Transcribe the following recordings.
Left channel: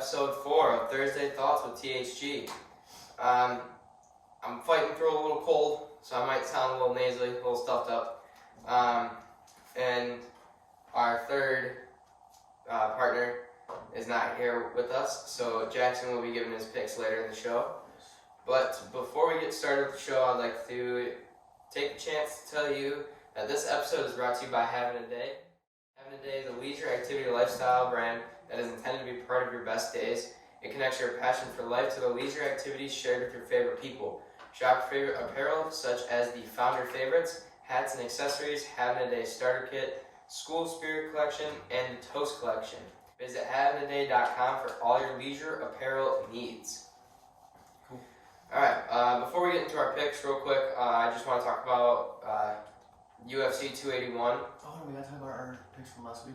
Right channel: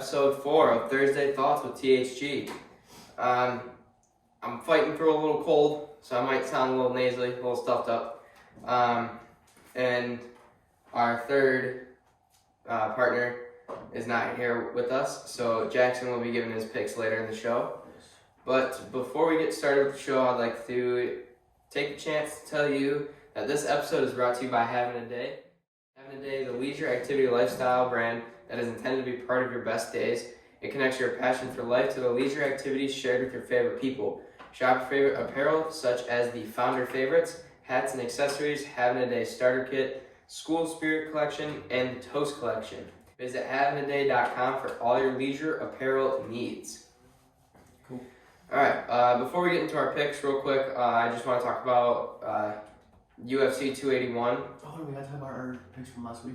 episode 4 of Thursday Thoughts with THG. I'm fighting through a little cold, so I might sound a little nasally, a little stuffed up. And our third partner is not here with us, so Jakson will be giving his picks later in the show. But before we get started with the show, I'd like to take a chance to tell you that this episode is brought to you by Having a Day. Having a Day is a leisure activity lifestyle brand that is intended to be part of your best days. It connects your passion for life to the leisure activities shared with your favorite people. Shop your favorite apparel such as the Founder Favorites, hats and accessories, Having a Day Starter Kit, School Spirit Collection, and the Toast Collection. Visit haveinaday.com for all your leisure apparel needs. Cool. Alright, before we get into our picks real quick, I just want to talk about UFC 281. Oh, we got to talk about our picks from last week.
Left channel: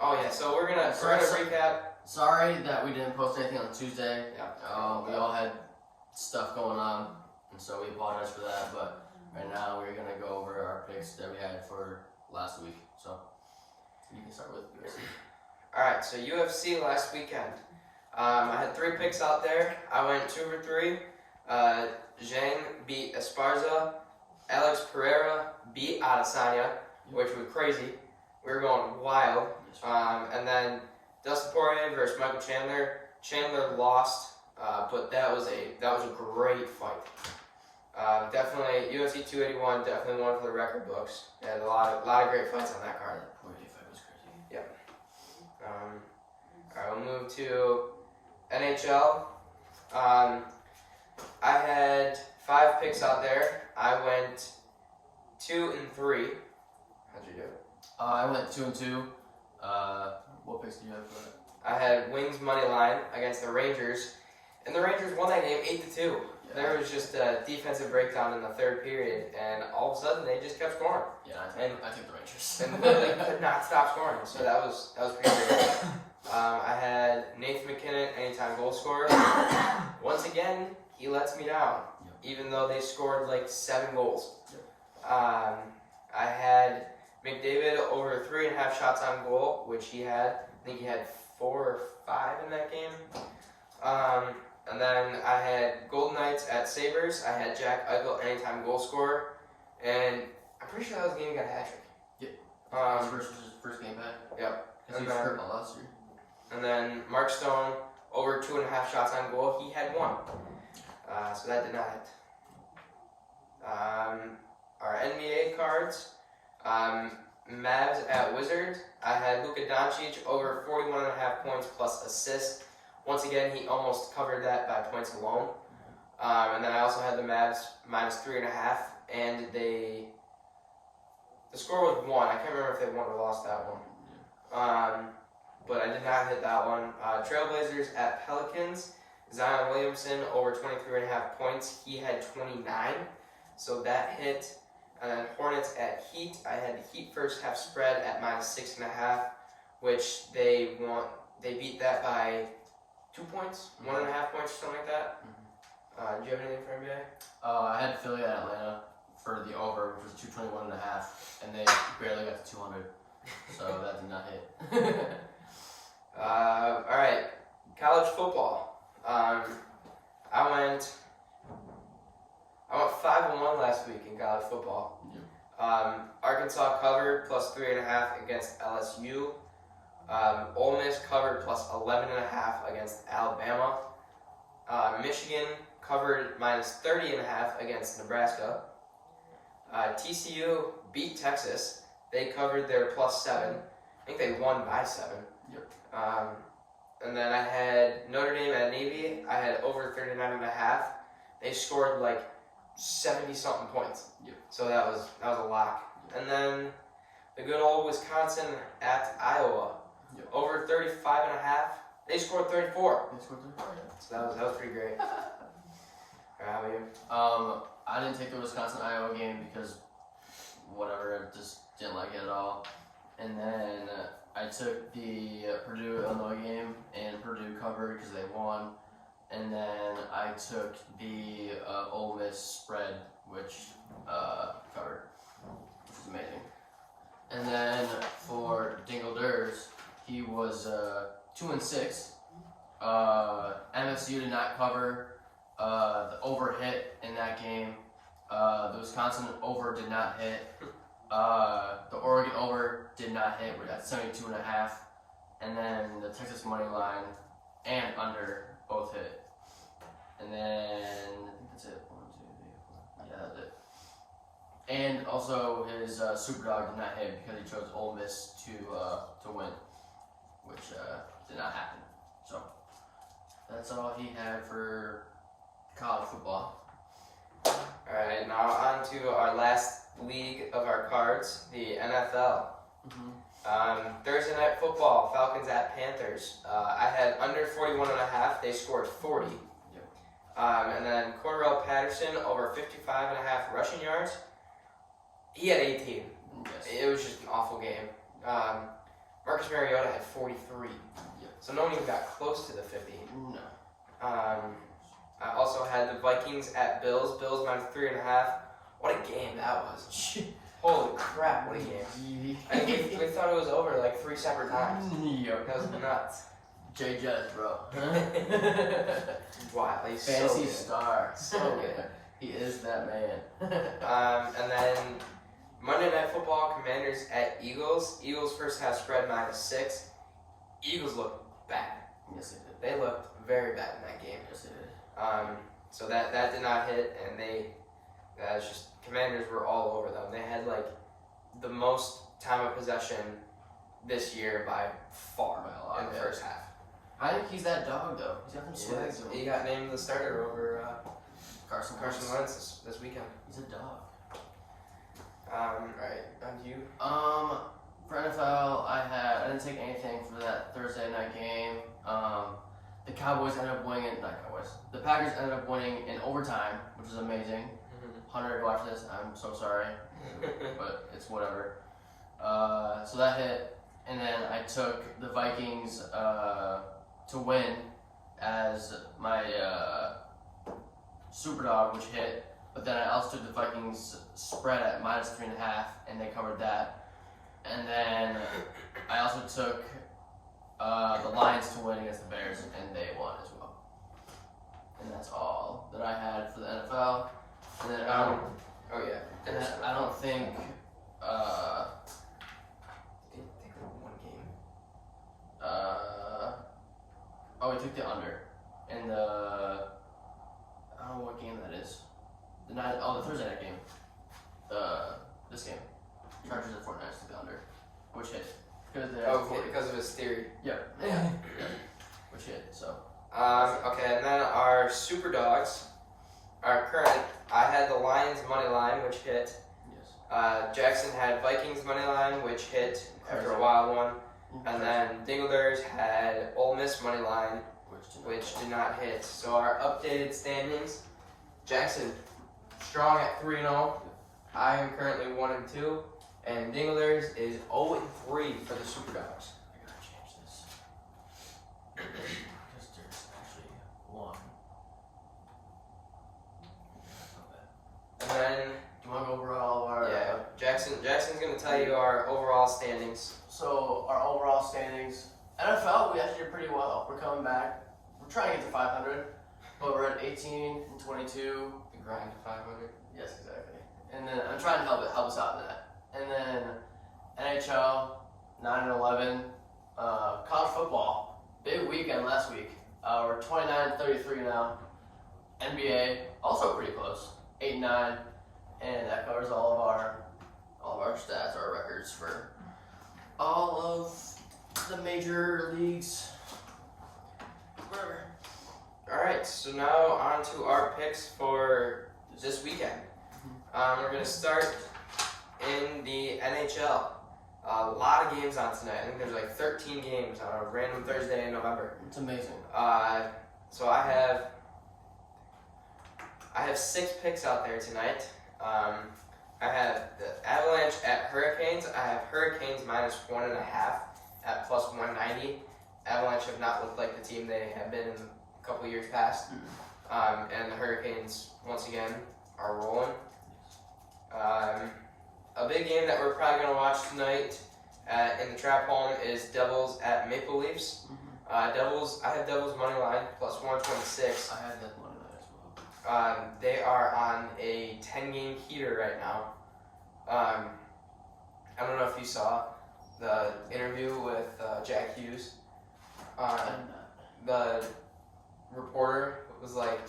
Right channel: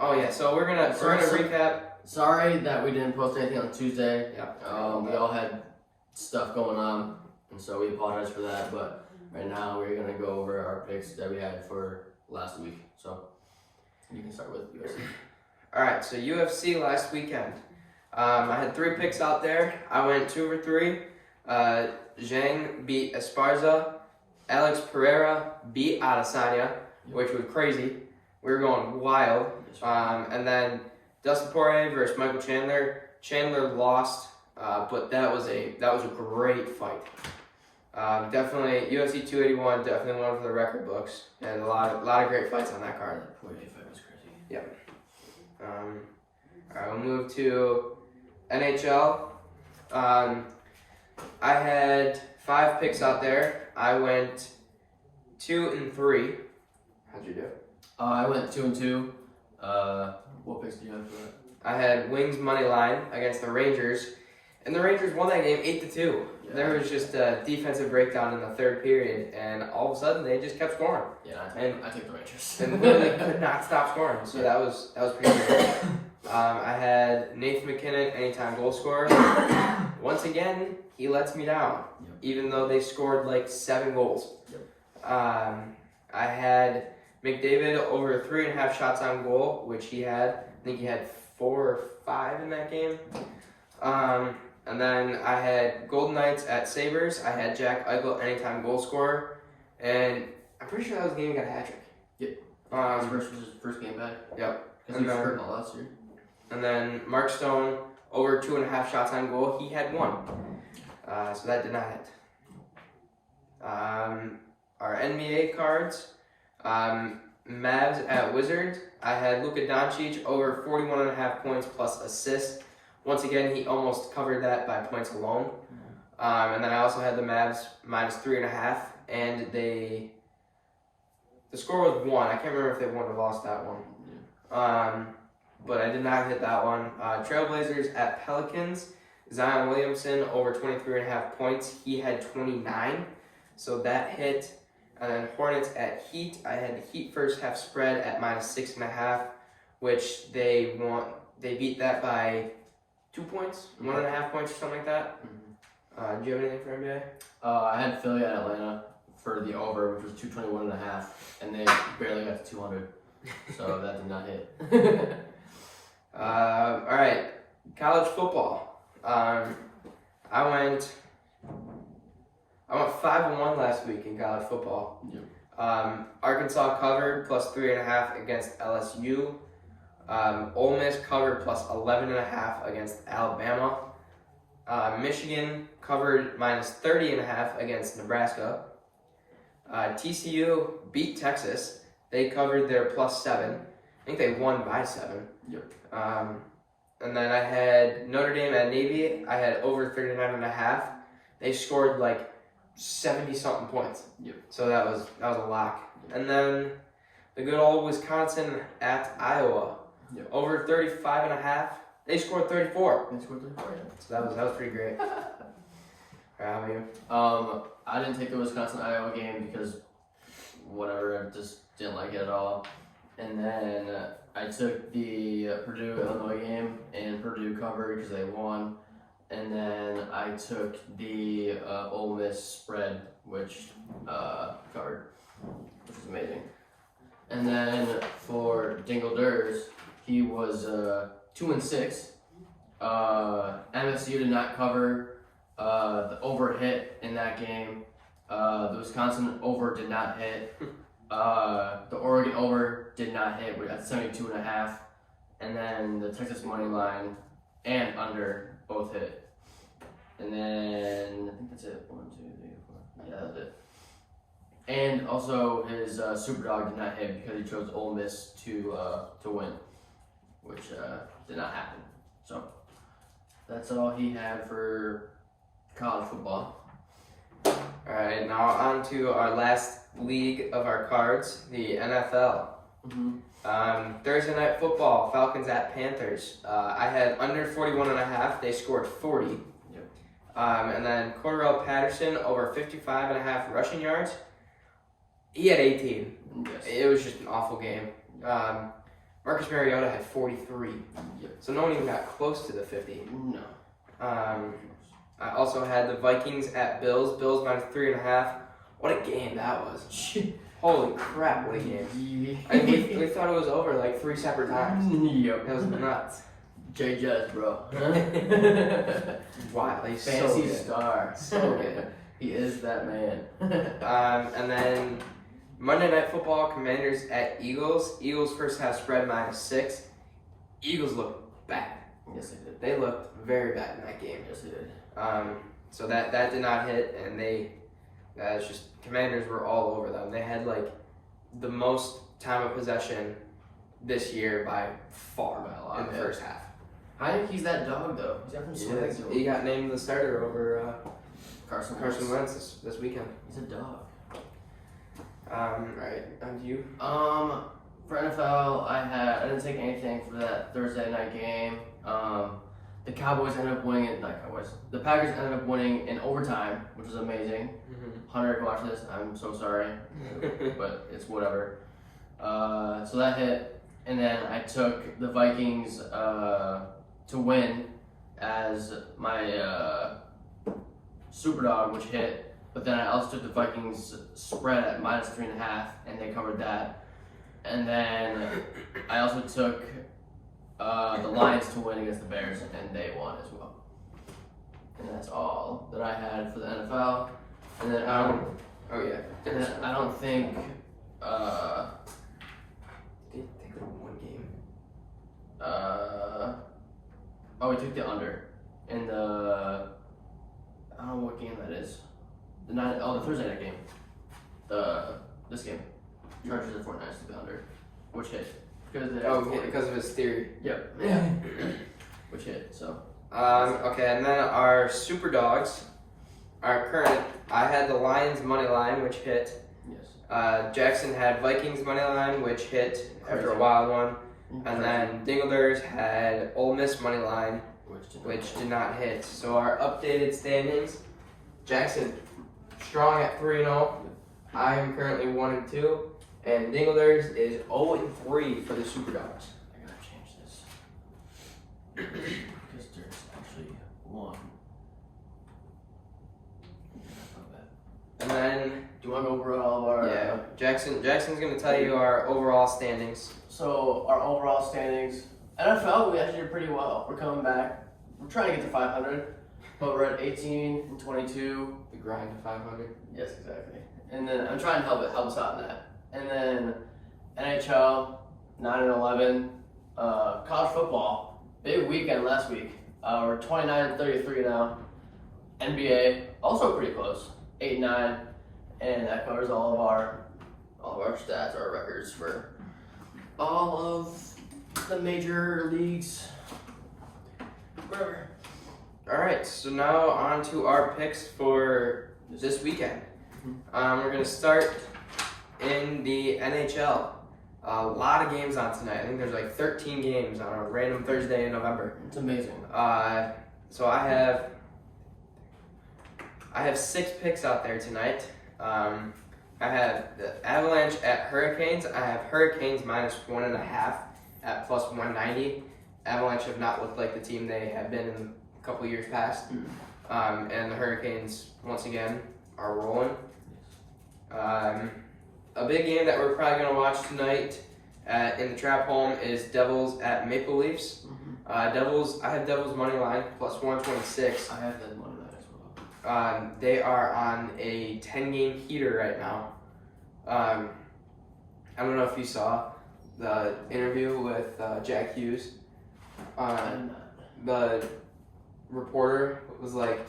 Oh yeah, so we're gonna recap. Sorry that we didn't post anything on Tuesday. Yeah. We all had stuff going on, and so we apologize for that. But right now we're gonna go over our picks that we had for last week. So you can start with UFC. All right, so UFC last weekend. I had 3 picks out there. I went 2 for 3. Zhang beat Esparza. Alex Pereira beat Adesanya, which was crazy. We were going wild. And then Dustin Poirier versus Michael Chandler. Chandler lost, but that was a great fight. Definitely UFC 281, definitely one for the record books, and a lot of great fights on that card. Poirier fight was crazy. Yep. Alright, we'll move to NHL. I had 5 picks out there. I went 2 and 3. How'd you do? I went 2 and 2. What picks do you have for that? I had Wings money line against the Rangers, and the Rangers won that game 8-2. Yeah. There was just a defensive breakdown in the third period, and all of a sudden they just kept scoring. Yeah, I take the Rangers. And they could not stop scoring, so that was pretty good. I had Nathan McKinnon, anytime goal scorer. Once again, he lets me down, even though they scored like 7 goals. Yep. I had McDavid over 3.5 shots on goal, which he had. I think he had 4 or 5 in that game. And then I had Golden Knights at Sabres. I had Jack Eichel, anytime goal scorer. And I'm pretty sure that was the game he got a hat trick. Yep. His first game back. Yep. Because he was hurt all last year. And then Mark Stone, over 2.5 shots on goal. He had 1. So that did not hit. Our NBA cards. Mavs at Wizards. I had Luka Doncic over 41.5 points plus assists. Once again, he almost covered that by points alone. And then I also had the Mavs minus 3.5, and the score was 1. I can't remember if they won or lost that one. But I did not hit that one. Trailblazers at Pelicans. Zion Williamson over 23.5 points. He had 29, so that hit. And then Hornets at Heat. I had Heat first half spread at minus 6.5, which they won. They beat that by 2 points, 1.5 points, or something like that. Do you have anything for NBA? I had Philly at Atlanta for the over, which was 221.5, and they barely got to 200, so that did not hit. All right, college football. I went 5-1 last week in college football. Yep. Arkansas covered plus 3.5 against LSU. Ole Miss covered plus 11.5 against Alabama. Michigan covered minus 30.5 against Nebraska. TCU beat Texas. They covered their plus 7. I think they won by 7. Yep. And then I had Notre Dame at Navy. I had over 39.5. They scored like 70-something points. Yep. So that was a lock. And then the good old Wisconsin at Iowa. Yep. Over 35.5. They scored 34. They scored 34, yeah. So that was pretty great. How about you? I didn't take the Wisconsin-Iowa game because whatever, I just didn't like it at all. And then I took the Purdue-Illinois game, and Purdue covered because they won. And then I took the Ole Miss spread, which covered, which was amazing. And then for Dingle Durs, he was 2-6, MSU did not cover. The over hit in that game. The Wisconsin over did not hit. The Oregon over did not hit. We're at 72.5. And then the Texas money line and under both hit. And then I think that's it. 1, 2, 3, 4. Yeah, that's it. And also his super dog did not hit because he chose Ole Miss to win, which did not happen. So that's all he had for college football. Alright, now on to our last league of our cards, the NFL. Thursday night football, Falcons at Panthers. I had under 41.5. They scored 40. Yep. And then Cordarrelle Patterson over 55.5 rushing yards. He had 18. Yes. It was just an awful game. Marcus Mariota had 43. Yep. So no one even got close to the 50. No. I also had the Vikings at Bills. Bills minus 3.5. What a game that was. Holy crap, what a game. And we thought it was over like 3 separate times. Yep. It was nuts. Jay Judge, bro. Wow, he's so Fantasy good. star. So good. He is that man. And then Monday Night Football, Commanders at Eagles. Eagles first half spread -6. Eagles looked bad. Yes, he did. They looked very bad in that game. Yes, he did. So that did not hit, and that was just, Commanders were all over them. They had like the most time of possession this year by far By a lot, in the yeah. first half. I think he's that dog though. He's got some swag to him. He got named the starter over Carson Wentz this weekend. He's a dog. Right, and you? For NFL, I didn't take anything for that Thursday night game. The Cowboys ended up winning, not Cowboys. The Packers ended up winning in overtime, which was amazing. Hunter, watch this. I'm so sorry, but it's whatever. So that hit, and then I took the Vikings to win as my super dog, which hit. But then I also took the Vikings spread at -3.5, and they covered that. And then I also took the Lions to win against the Bears, and they won as well. And that's all that I had for the NFL. And then I don't think Did they go 1 game? we took the under in the I don't know what game that is. The Thursday night game. This game. Chargers and 49ers took the under, which hit Because of his theory. Yep. Which hit. So. Okay, and then our super dogs. Our current, I had the Lions money line, which hit. Yes. Jakson had Vikings money line, which hit after a Crazy. wild one. And then Dinglers had Ole Miss money line, which did not hit. So our updated standings, Jakson strong at 3-0. I am currently 1-2. And Dinglers is 0-3 for the super dogs. I gotta change this. Because there's actually one. And then, Do you want to go over all of our? Jackson's going to tell you our overall standings. So our overall standings, NFL, we actually did pretty well. We're coming back. We're trying to get to 500, but we're at 18-22. The grind to 500. Yes, exactly. And then I'm trying to help us out in that. And then NHL, 9-11. College football, big weekend last week. We're 29-33 now. NBA, also pretty close, 8-9, and that covers all of our stats, our records for all of the major leagues. Whatever. All right, so now on to our picks for this weekend. We're going to start in the NHL. A lot of games on tonight. I think there's like 13 games on a random Thursday in November. It's amazing. So I have 6 picks out there tonight. I have the Avalanche at Hurricanes. I have Hurricanes -1.5 at +190. Avalanche have not looked like the team they have been in a couple years past. And the Hurricanes, once again, are rolling. A big game that we're probably going to watch tonight in the Trap Home is Devils at Maple Leafs. Devils. I have Devils money line plus 126. I have that money line as well. They are on a 10-game heater right now. I don't know if you saw the interview with Jack Hughes. The reporter was like,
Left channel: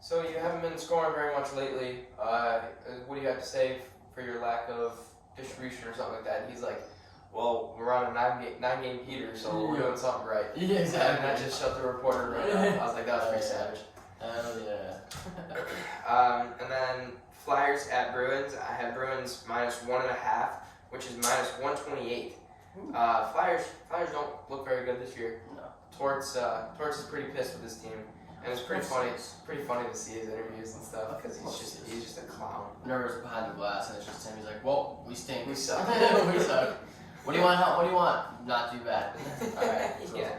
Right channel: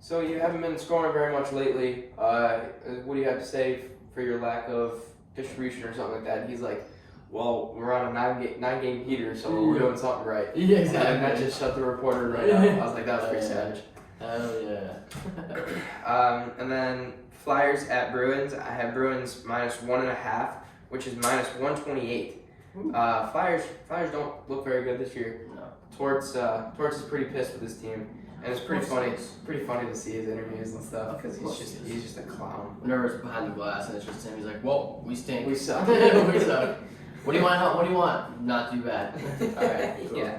"So you haven't been scoring very much lately. What do you have to say for your lack of distribution or something like that?" And he's like, "Well, we're on a nine-game heater, so we're doing something right." Yeah, exactly. And that just shut the reporter right out. I was like, that was pretty savage. Yeah. And then Flyers at Bruins. I have Bruins minus 1.5, which is minus 128. Flyers don't look very good this year. No. Torts is pretty pissed with his team, and it's pretty funny. It's pretty funny to see his interviews and stuff because he's just a clown. Nervous behind the glass, and it's just him. He's like, "Whoa, we stink. We suck. We suck. What do you want? What do you want? Not too bad. All right. So. Yeah.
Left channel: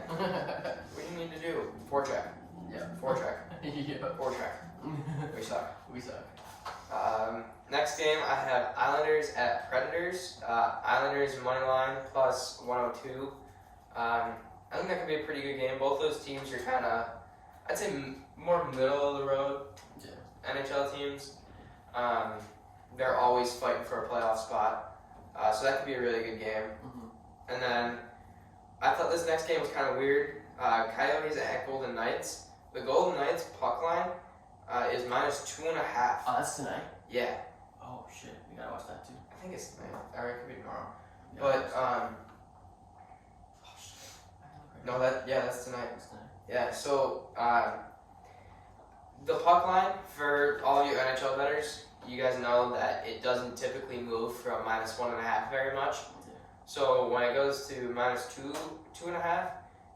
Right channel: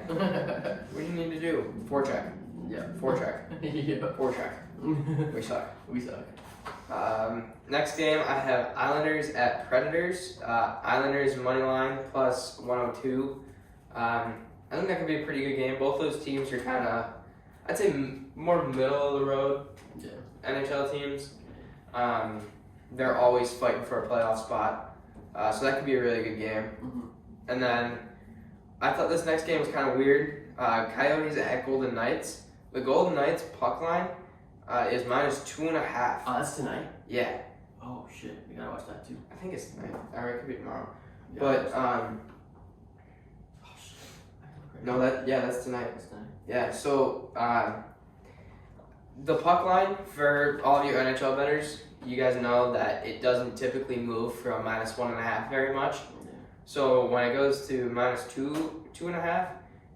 What do you need to do? Forecheck. Yeah. Forecheck. Yeah. Forecheck. We suck. We suck. Next game, I have Islanders at Predators. Islanders money line plus 102. I think that could be a pretty good game. Both those teams are kind of, I'd say, more middle of the road NHL teams. They're always fighting for a playoff spot. So that could be a really good game. Mm-hmm. And then I thought this next game was kind of weird. Coyotes at Golden Knights. The Golden Knights puck line is minus 2.5. Oh, that's tonight? Yeah. Oh, shit. We gotta watch that too. I think it's tonight. Or it could be tomorrow. Yeah, But, oh, shit. no, that's tonight. That's tonight. Yeah, so, the puck line, for all of you NHL bettors, you guys know that it doesn't typically move from minus 1.5 very much. Yeah. So when it goes to minus 2.5,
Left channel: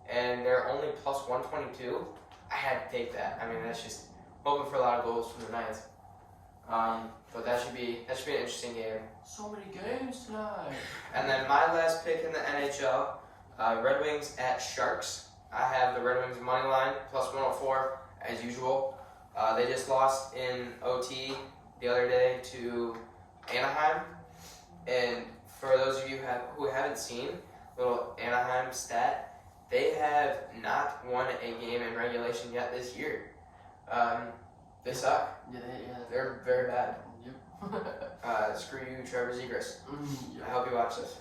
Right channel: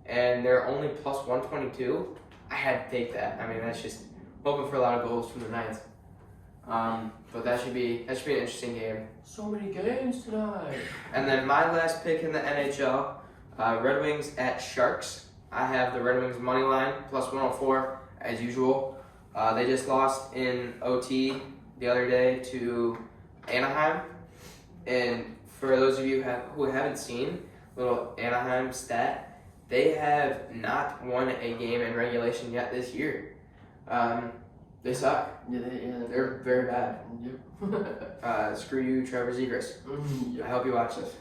and they're only plus 122, I had to take that. I mean, that's just hoping for a lot of goals from the Knights. But that should be an interesting game. So many games tonight. And then my last pick in the NHL, Red Wings at Sharks. I have the Red Wings money line plus 104 as usual. They just lost in OT the other day to Anaheim. And for those of you who haven't seen, little Anaheim stat, they have not won a game in regulation yet this year. They suck. Yeah, They're very bad. Yep. Screw you, Trevor Zegras. Yep. I hope you watch this.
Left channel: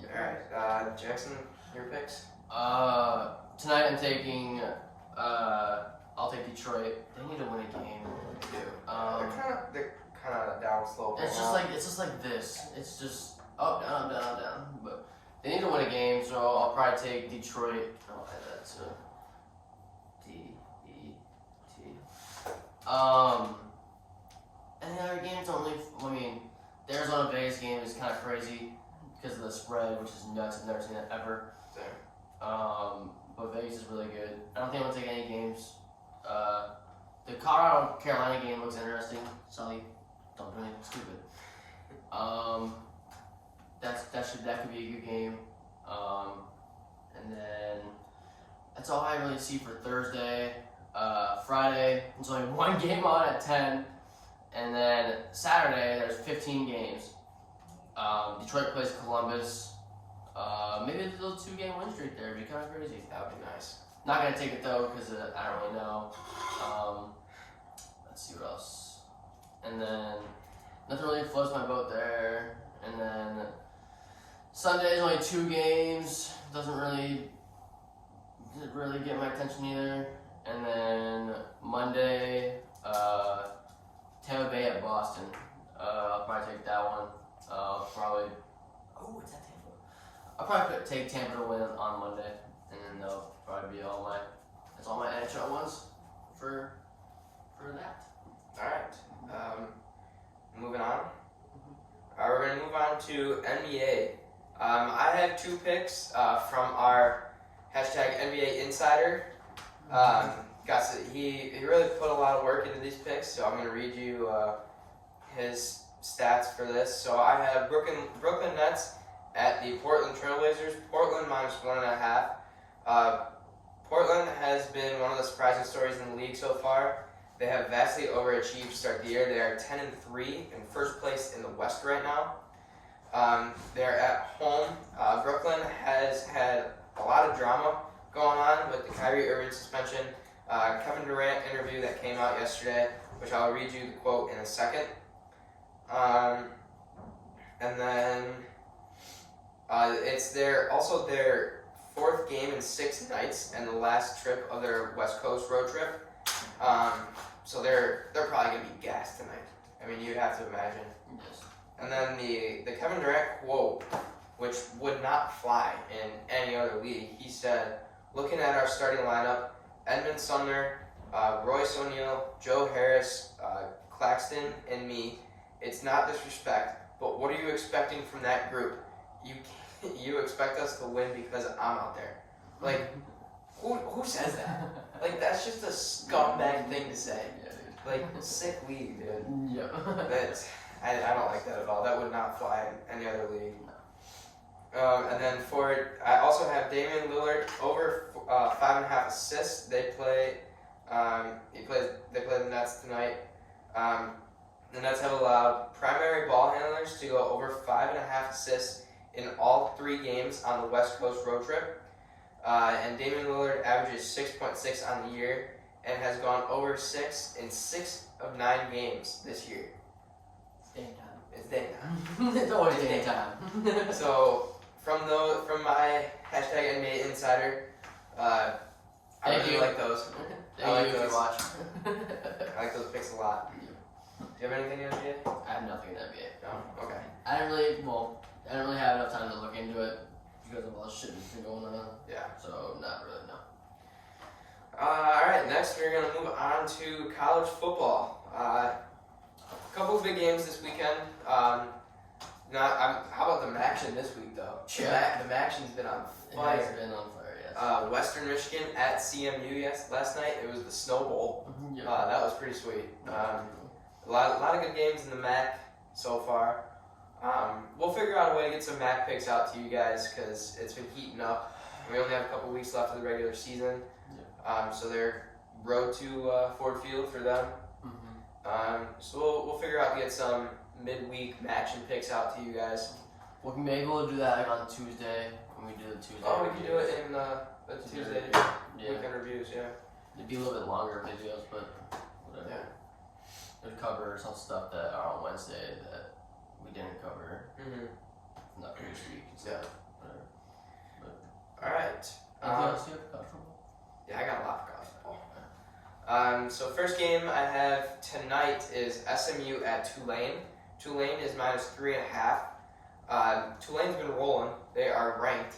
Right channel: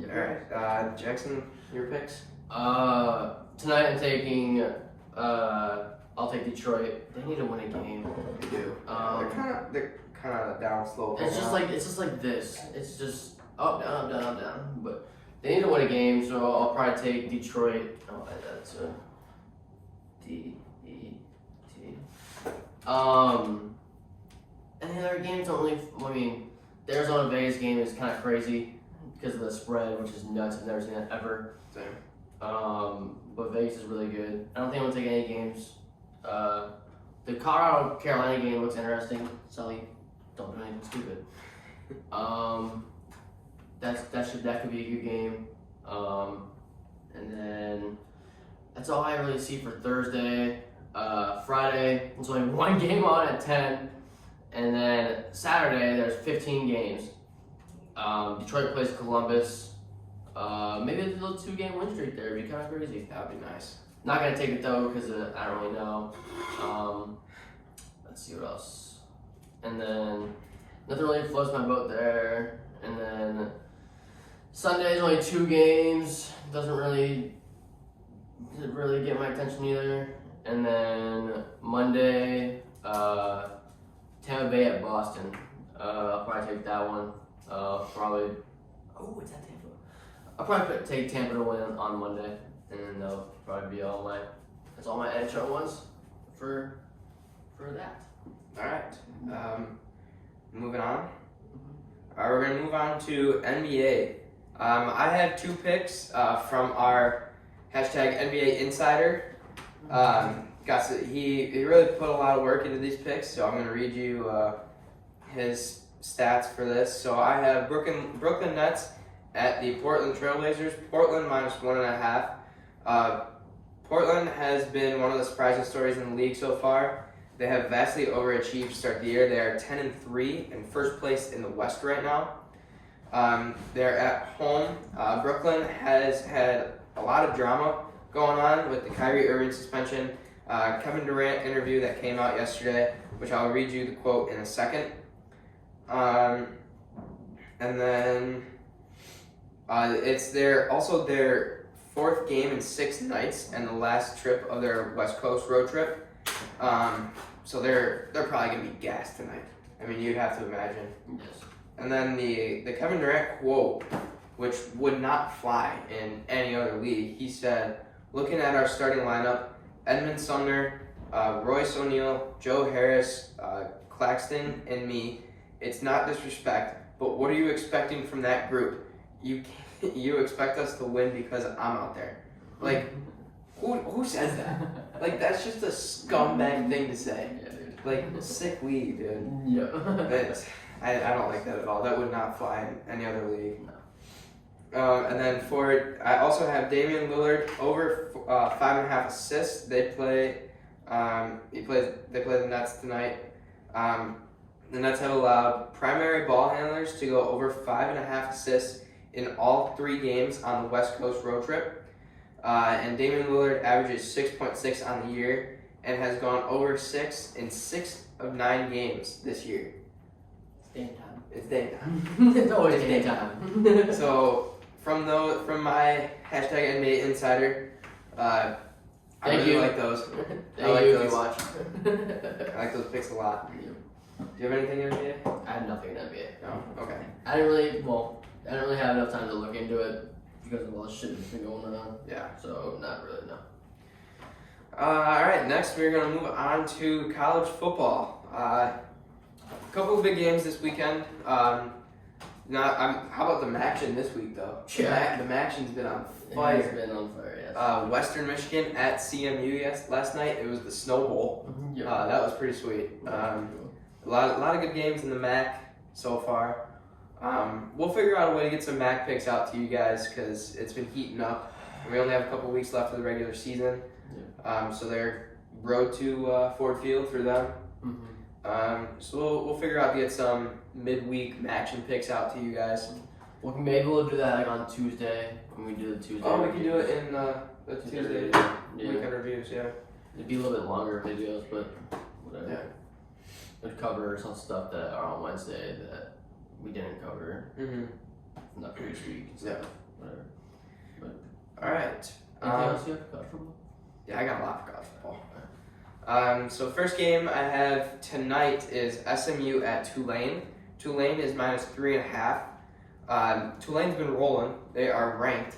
Yep. Alright, Jakson, your picks? Tonight I'm taking, I'll take Detroit. They need to win a game. They do. They're kind of down slow. It's just like this. It's just up, down, up, down, up, down. But they need to win a game, so I'll probably take Detroit. Oh, that's a D-E-T. And the other games don't really. I mean, the Arizona Vegas game is kind of crazy because of the spread, which is nuts. I've never seen that ever. Same. But Vegas is really good. I don't think I'm gonna take any games. The Colorado Carolina game looks interesting. Sully, don't do anything stupid. That could be a good game. And then that's all I really see for Thursday. Friday, there's only one game on at 10. And then Saturday, there's 15 games. Detroit plays Columbus. Maybe a little 2-game win streak there. It'd be kind of crazy. That would be nice. Not going to take it though, because I don't really know. Let's see what else. And then nothing really floats my boat there. And then Sunday's only 2 games. Didn't really get my attention either. And then Monday, Tampa Bay at Boston. I'll probably take that one. It's at Tampa. I'll probably take Tampa to win on Monday, and then that'll probably be all my NHL ones for that. All right. Moving on. We're gonna move on to NBA. I have 2 picks from our hashtag NBA Insider. He really put a lot of work into these picks, so I'm going to read you his stats for this. So I have Brooklyn Nets at the Portland Trailblazers, Portland minus 1.5. Portland has been one of the surprising stories in the league so far. They have vastly overachieved to start the year. They are 10-3 in first place in the West right now. They're at home. Brooklyn has had a lot of drama going on with the Kyrie Irving suspension. Kevin Durant interview that came out yesterday, which I'll read you the quote in a second. And then it's their 4th game in 6 nights and the last trip of their West Coast road trip. So they're probably gonna be gassed tonight. I mean, you'd have to imagine. Yes. And then the Kevin Durant quote, which would not fly in any other league. He said, "Looking at our starting lineup, Edmund Sumner, Royce O'Neal, Joe Harris, Claxton, and me. It's not disrespect, but what are you expecting from that group? You expect us to win because I'm out there." Like, who says that? Like, that's just a scumbag thing to say. Yeah, dude. Like, sick league, dude. Yeah. I don't like that at all. That would not fly in any other league. And then I also have Damian Lillard over 5.5 assists. They play the Nets tonight. The Nets have allowed primary ball handlers to go over 5.5 assists in all 3 games on the West Coast road trip. And Damian Lillard averages 6.6 on the year and has gone over 6 in 6 of 9 games this year. It's dang time. It's always day time. So from my hashtag NBA Insider, I really like those. Thank you if you watch. I like those picks a lot. Do you have anything in NBA? I have nothing in NBA. No? Okay. I didn't really have enough time to look into it because of all the shit that's been going on. Yeah. So not really, no. Alright, next we're going to move on to college football. A couple of big games this weekend. How about the MACtion this week, though? Yeah. The MACtion's been on It fire. has been on fire, yes. Western Michigan at CMU last night. It was the Snow Bowl. Yeah. That was pretty sweet. A lot of good games in the MAC so far. We'll figure out a way to get some MAC picks out to you guys because it's been heating up. And we only have a couple weeks left of the regular season. So they're road to Ford Field through them. So we'll figure out to get some midweek MACtion picks out to you guys. Well, maybe we'll do that like on Tuesday when we do the Tuesday. Oh, we can do it in the Tuesday weekend reviews, yeah. It'd be a little bit longer videos, but whatever. Yeah. We'd cover some stuff that are on Wednesday that we didn't cover. From the previous week. So Yeah. whatever. Alright. Anything else you have about football? Yeah, I got a lot for college football. So first game I have tonight is SMU at Tulane. Tulane is -3.5. Tulane's been rolling. They are ranked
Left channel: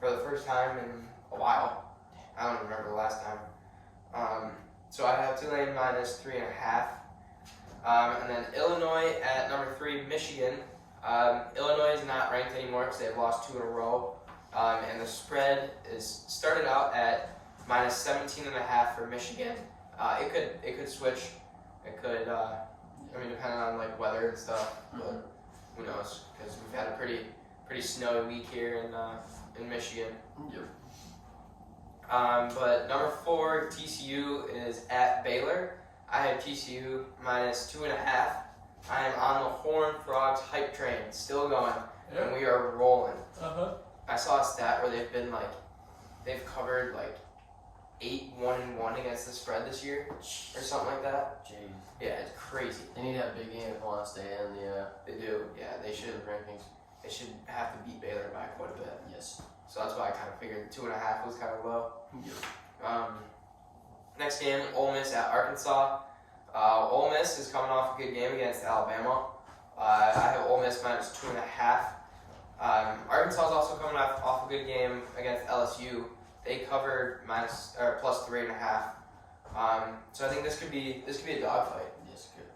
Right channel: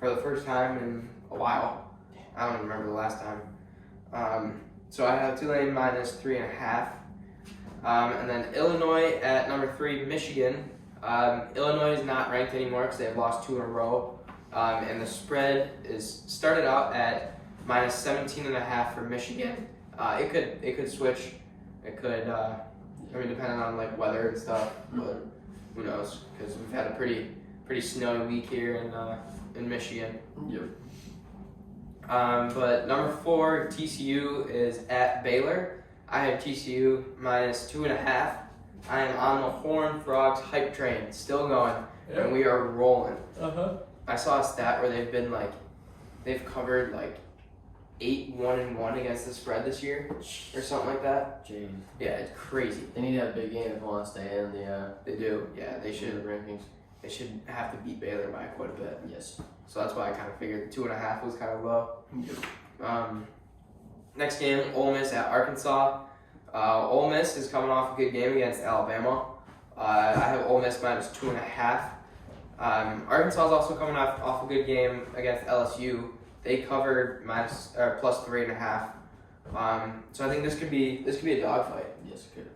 for the first time in a while. I don't remember the last time. So I have Tulane -3.5. And then Illinois at number 3, Michigan. Illinois is not ranked anymore because they've lost 2 in a row. And the spread is started out at -17.5 for Michigan. It could switch. It could, depending on like weather and stuff. But who knows? Because we've had a pretty snowy week here in Michigan. Yep. But number 4, TCU is at Baylor. I have TCU -2.5. I am on the Horned Frogs hype train, still going, and we are rolling. I saw a stat where they've covered like 8-1-1 against the spread this year, or something like that. Jeez. Yeah, it's crazy. They need to have a big game if they want to stay in the They do. Yeah, they should. rankings. They should have to beat Baylor by quite a bit. Yes. So that's why I kind of figured 2.5 was kind of low. Yep. Next game, Ole Miss at Arkansas. Ole Miss is coming off a good game against Alabama. I have Ole Miss -2.5. Arkansas is also coming off a good game against LSU. They covered +3.5. So I think this could be a dogfight. Yes, good.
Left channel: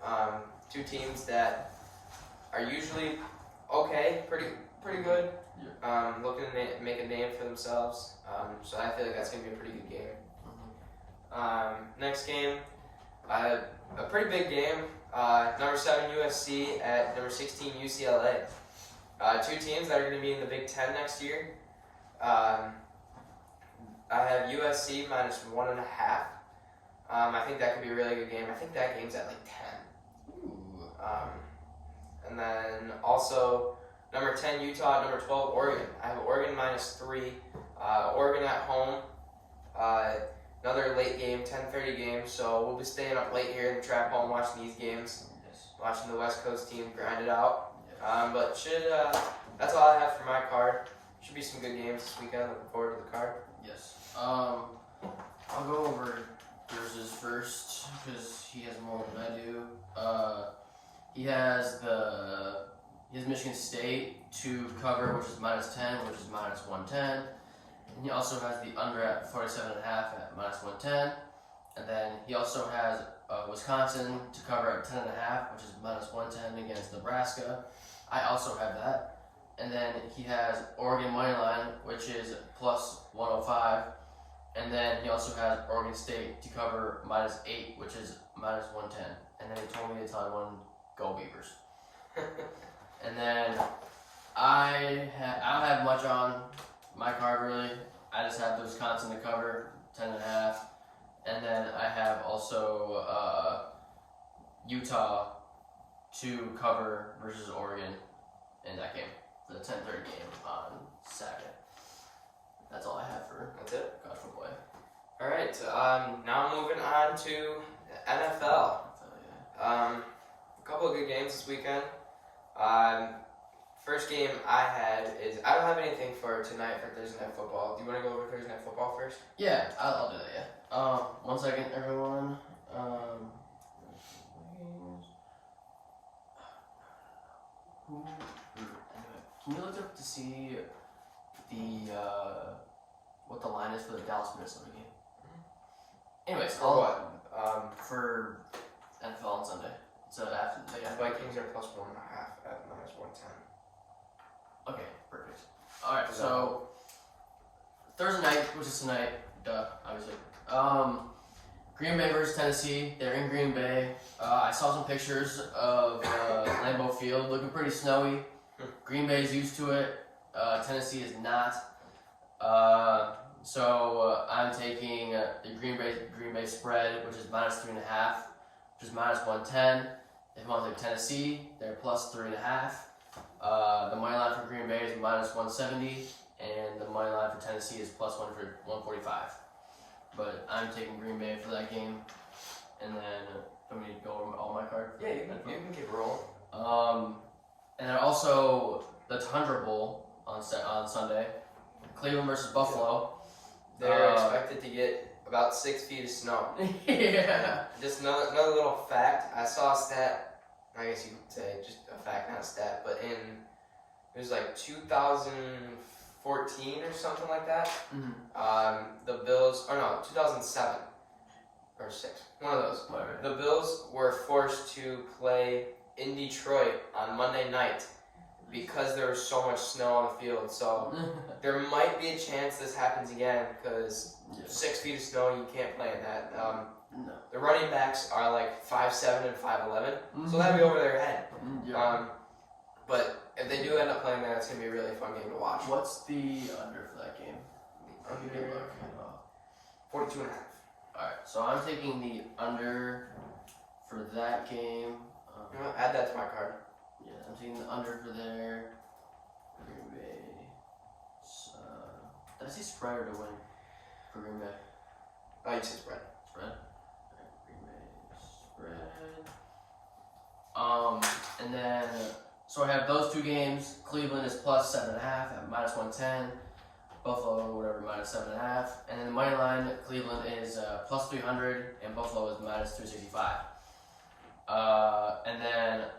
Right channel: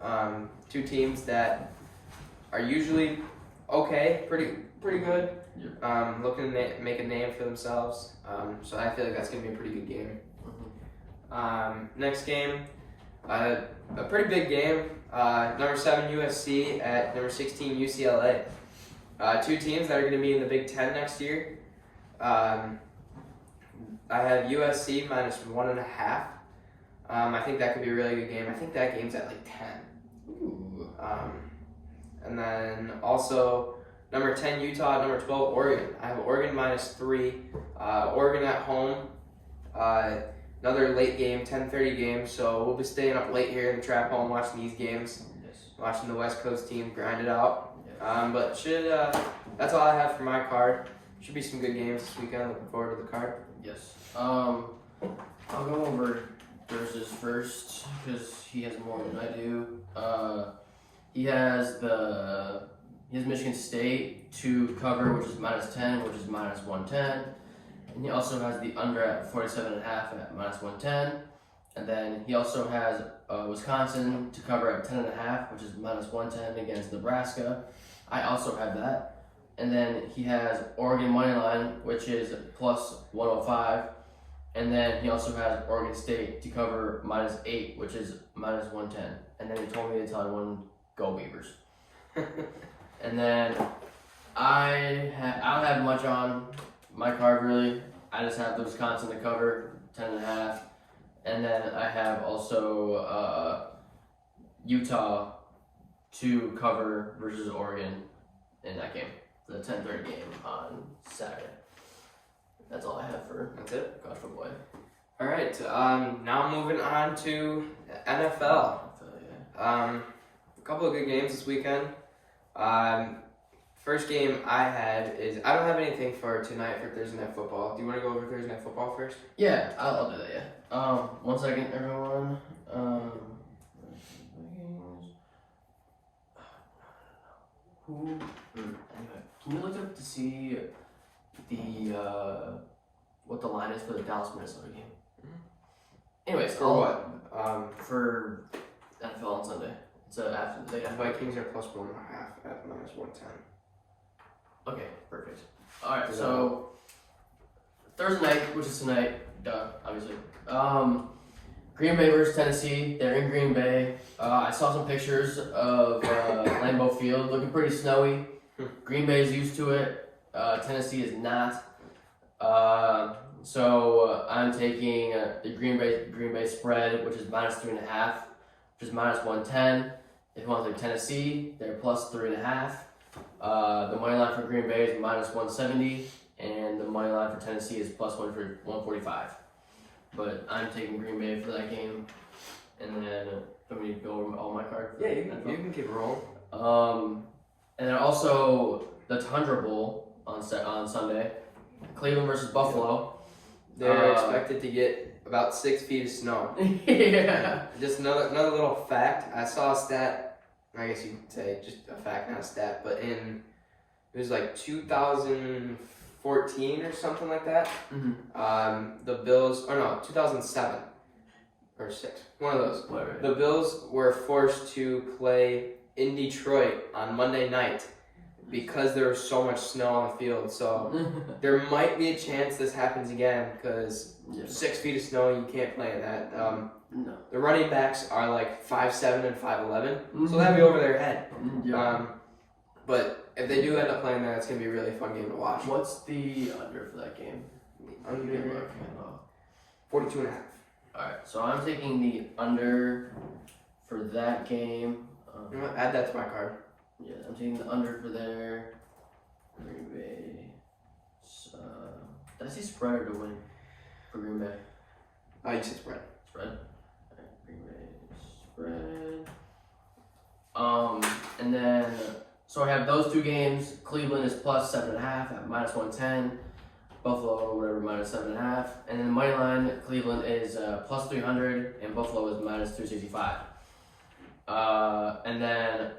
2 teams that are usually okay, pretty good. Yeah. Looking to make a name for themselves. So I feel like that's gonna be a pretty good game. Next game, a pretty big game. Number 7 USC at number 16 UCLA. 2 teams that are going to be in the Big Ten next year. I have USC -1.5. I think that could be a really good game. I think that game's at like 10. Ooh. And then also number 10 Utah, number 12 Oregon. I have Oregon -3. Oregon at home. Another late game, 10:30 game. So we'll be staying up late here in the trap home watching these games, watching the West Coast team grind it out. But that's all I have for my card. Should be some good games this weekend. Looking forward to the card. Yes. I'll go over Thursday's first because he has more than I do. He has Michigan State to cover, which is -10, which is -110. And he also has the under at 47.5 at -110. And then he also has Wisconsin to cover at 10.5, which is -110 against Nebraska. I also have that. And then he has Oregon money line, which is +105. And then he also has Oregon State to cover -8, which is -110. And then he told me to tell everyone, go Beavers. And then I don't have much on my card really. I just have the Wisconsin to cover 10.5. And then I have also Utah to cover versus Oregon in that game, for the 10:30 game on Saturday. That's all I have for That's it. college football. All right. Now moving on to NFL. A couple of good games this weekend. First game I had is I don't have anything for tonight for Thursday Night Football. Do you want to go over Thursday Night Football first? Yeah, I'll do that. Yeah. 1 second, everyone. Can you look up to see the what the line is for the Dallas Minnesota game? Anyways, For what? for NFL on Sunday. It's after the Vikings are +1.5 at -110. Okay, perfect. All right, so Thursday night, which is tonight, obviously. Green Bay versus Tennessee. They're in Green Bay. I saw some pictures of Lambeau Field, looking pretty snowy. Green Bay is used to it. Tennessee is not. So I'm taking the Green Bay spread, which is -3.5, which is -110. If you want to take Tennessee, they're +3.5. The money line for Green Bay is -170, and the money line for Tennessee is +145. But I'm taking Green Bay for that game, and then let me go over all my cards. Yeah, you can keep it rolling. And then also the Tundra Bowl on Sunday, Cleveland versus Buffalo. They're expected to get about 6 feet of snow. Yeah. Just another little fact. I saw a stat. I guess you could say just a fact, not a stat. But it was like 2014 or something like that. The Bills, 2007 or 6, one of those. Whatever. The Bills were forced to play in Detroit on Monday night because there was so much snow on the field. So there might be a chance this happens again because 6 feet of snow, you can't play in that. No. The running backs are like 5'7" and 5'11", so that'd be over their head. Yeah. But if they do end up playing that, it's gonna be a really fun game to watch. What's the under for that game? Under Good look. 42.5. Alright, so I'm taking the under for that game. You know what? Add that to my card. Yeah, I'm taking the under for there. Green Bay. Did I say spread or to win for Green Bay? You said spread. Spread. Alright, Green Bay spread. And then so I have those two games. Cleveland is +7.5 at -110. Buffalo or whatever -7.5. And then the money line, Cleveland is +300 and Buffalo is -265. And then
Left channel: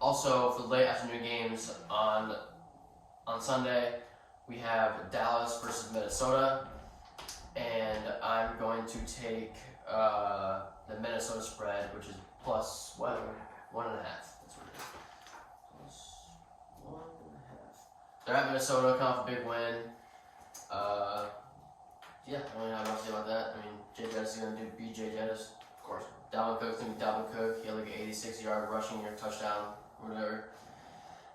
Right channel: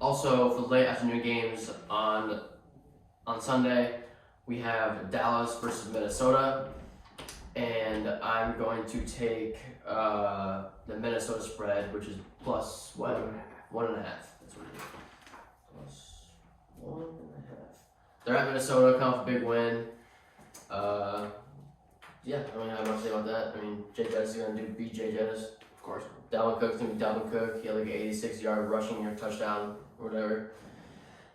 also for the late afternoon games on Sunday, we have Dallas versus Minnesota, and I'm going to take the Minnesota spread, which is +1.5. That's what it is. +1.5. They're at Minnesota, coming off a big win. Yeah, I don't really have much to say about that. I mean, Jay Jettis is going to beat Jay Jettis. Of course. Dalvin Cook's going to be Dalvin Cook. He had like an 86-yard rushing or touchdown or whatever.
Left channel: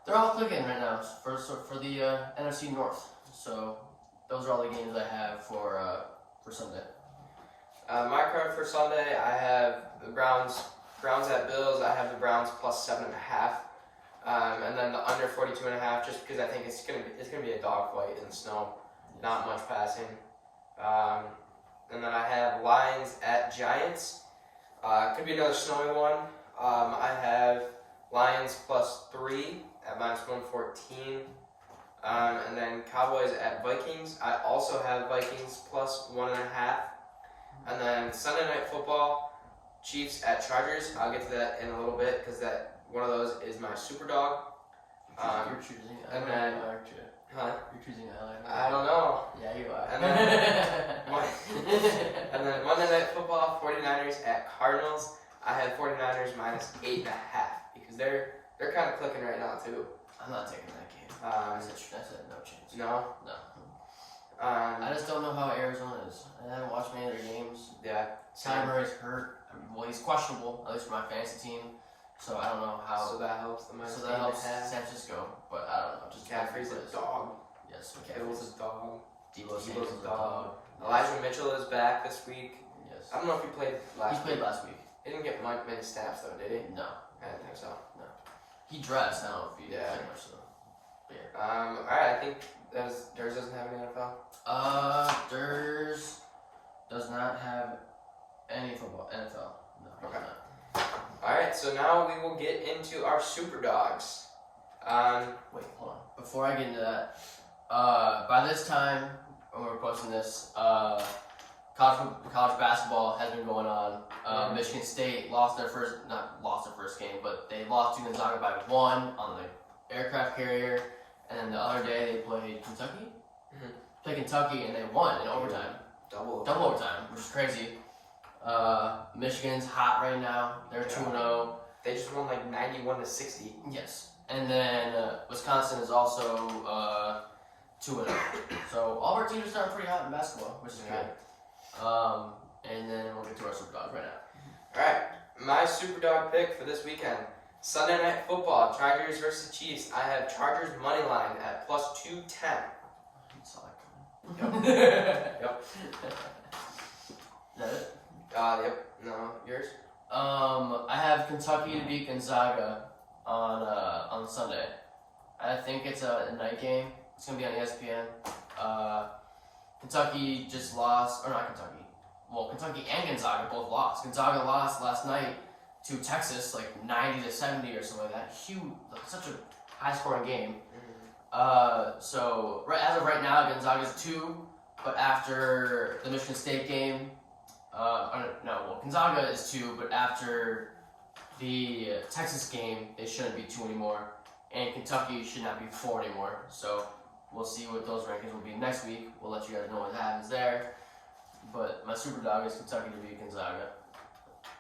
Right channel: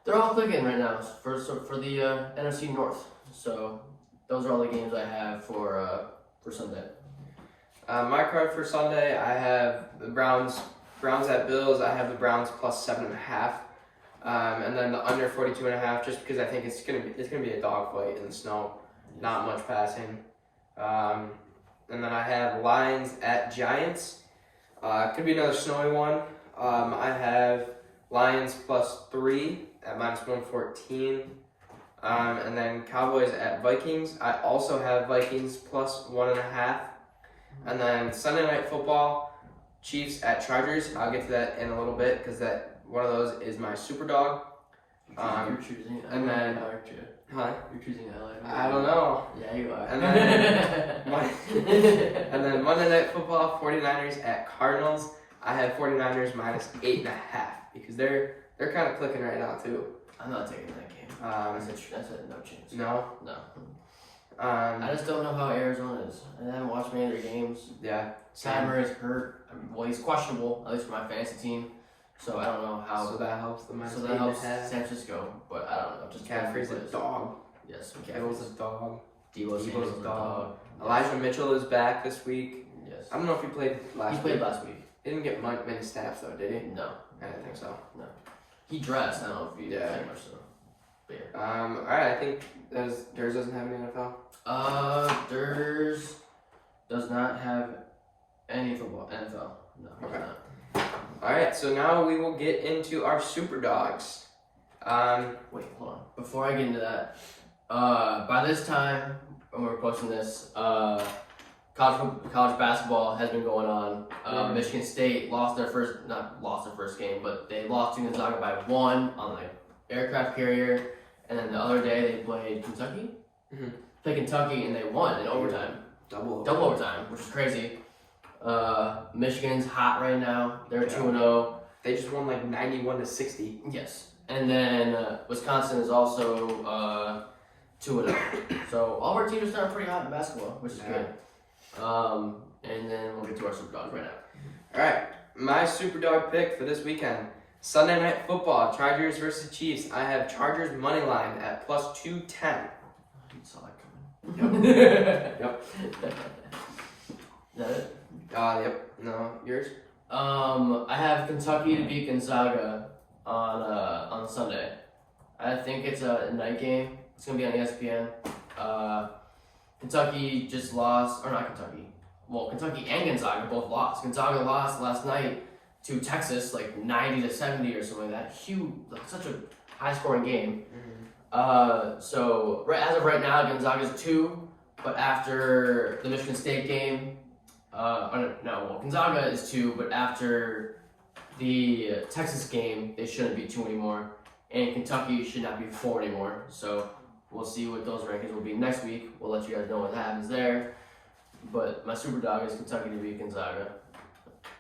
They're all clicking right now for the NFC North. So those are all the games I have for Sunday. My card for Sunday, I have the Browns at Bills. I have the Browns +7.5. And then the under 42.5, just because I think it's gonna be a dogfight in the snow. not much passing. And then I have Lions at Giants. Could be another snowy one. I have Lions +3 at -114. And then Cowboys at Vikings. I also have Vikings +1.5. And then Sunday Night Football, Chiefs at Chargers. I'll get to that in a little bit because that one of those is my super dog. You're choosing and then huh? You're choosing LA. I don't know. Yeah, you are. And then Monday Night Football, 49ers at Cardinals. I have 49ers -8.5 because they're kind of clicking right now too. I'm not taking that game. I said no chance. No. I just don't know how Arizona is. I haven't watched many of their games. Yeah. Kyler Murray's hurt. Well, he's questionable, at least for my fantasy team. So I don't know how. So that helps. So that helps San Francisco, but I don't know. Just McCaffrey's a dog. Yes, Kittle's a dog. Debo Samuel's a dog. Elijah Mitchell is back this week. Yes. I don't know if he played last week. He played last week. He didn't get many snaps though, did he? No. I don't think so. No. He dressed. I don't know if he Yeah. played much so. But yeah. Alright, I think Durs doesn't have any NFL. Durs does not have any football. NFL. No, he does not. Alright, so now we will get into our super dogs. Wait, hold on. Before I get into that, by this time when we're posting this, college basketball has been going on. Michigan State not lost their first game, but they lost to Gonzaga by 1 on the aircraft carrier, and then the other day they played Kentucky. Played Kentucky and they won in overtime. Double overtime, which is crazy. Michigan's hot right now. They're 2-0. They just won like 91-60. Yes. And then Wisconsin is also 2-0. So all of our teams are starting pretty hot in basketball, which is good. And then we'll get to our super dogs right now. Alright, my super dog pick for this weekend. Sunday Night Football, Chargers versus Chiefs. I have Chargers money line at +210. You saw that coming. Yep. Is that it? Yep. No, yours? I have Kentucky to beat Gonzaga on Sunday. I think it's a night game. It's gonna be on ESPN. Kentucky just lost, or not Kentucky. Well, Kentucky and Gonzaga both lost. Gonzaga lost last night to Texas, like 90-70 or something like that. Huge, like such a high-scoring game. So as of right now, Gonzaga's 2, but after the Michigan State game, Gonzaga is 2, but after the Texas game, they shouldn't be 2 anymore, and Kentucky should not be 4 anymore. So we'll see what those rankings will be next week. We'll let you guys know what happens there. But my super dog is Kentucky to beat Gonzaga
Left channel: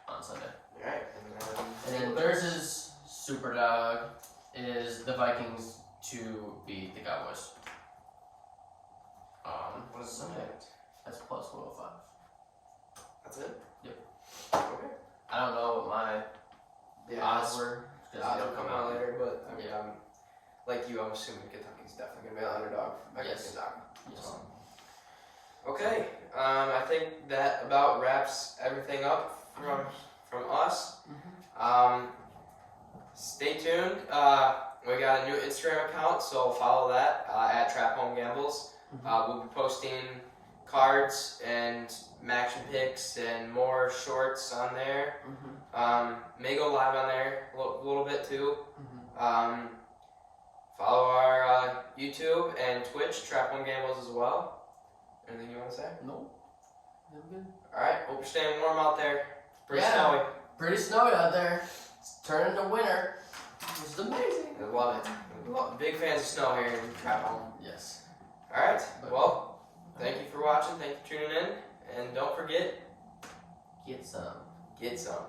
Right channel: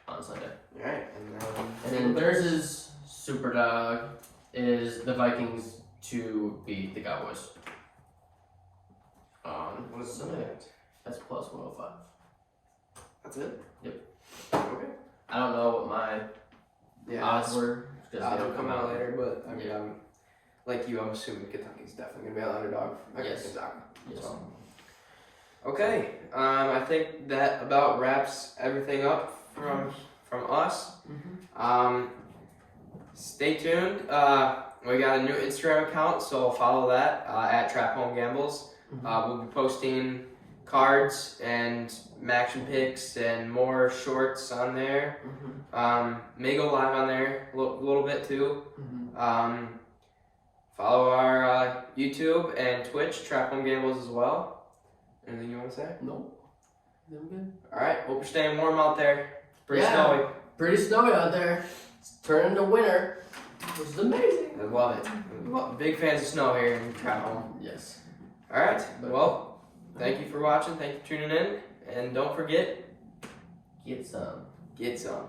on Sunday. Alright. And then Durs's super dog is the Vikings to beat the Cowboys. What's Sunday? That's +105. That's it? Yep. Okay. I don't know what my odds were. Odds will come out later, but I mean, like you, I'm assuming Kentucky's definitely going to be an underdog against Gonzaga. Yes. So. Okay, I think that about wraps everything up from us. Stay tuned. We got a new Instagram account, so follow that at Trap Home Gambles. We'll be posting cards and action picks and more shorts on there. May go live on there a little bit too. Follow our YouTube and Twitch, Trap Home Gambles as well. Anything you want to say? No. I'm good. Alright, hope you're staying warm out there. Pretty snowy. Pretty snowy out there. It's turning to winter, which is amazing. I love it. Big fans of snow here in Trap Home. Yes. Alright, well, thank you for watching. Thank you for tuning in. And don't forget, get some. Get some.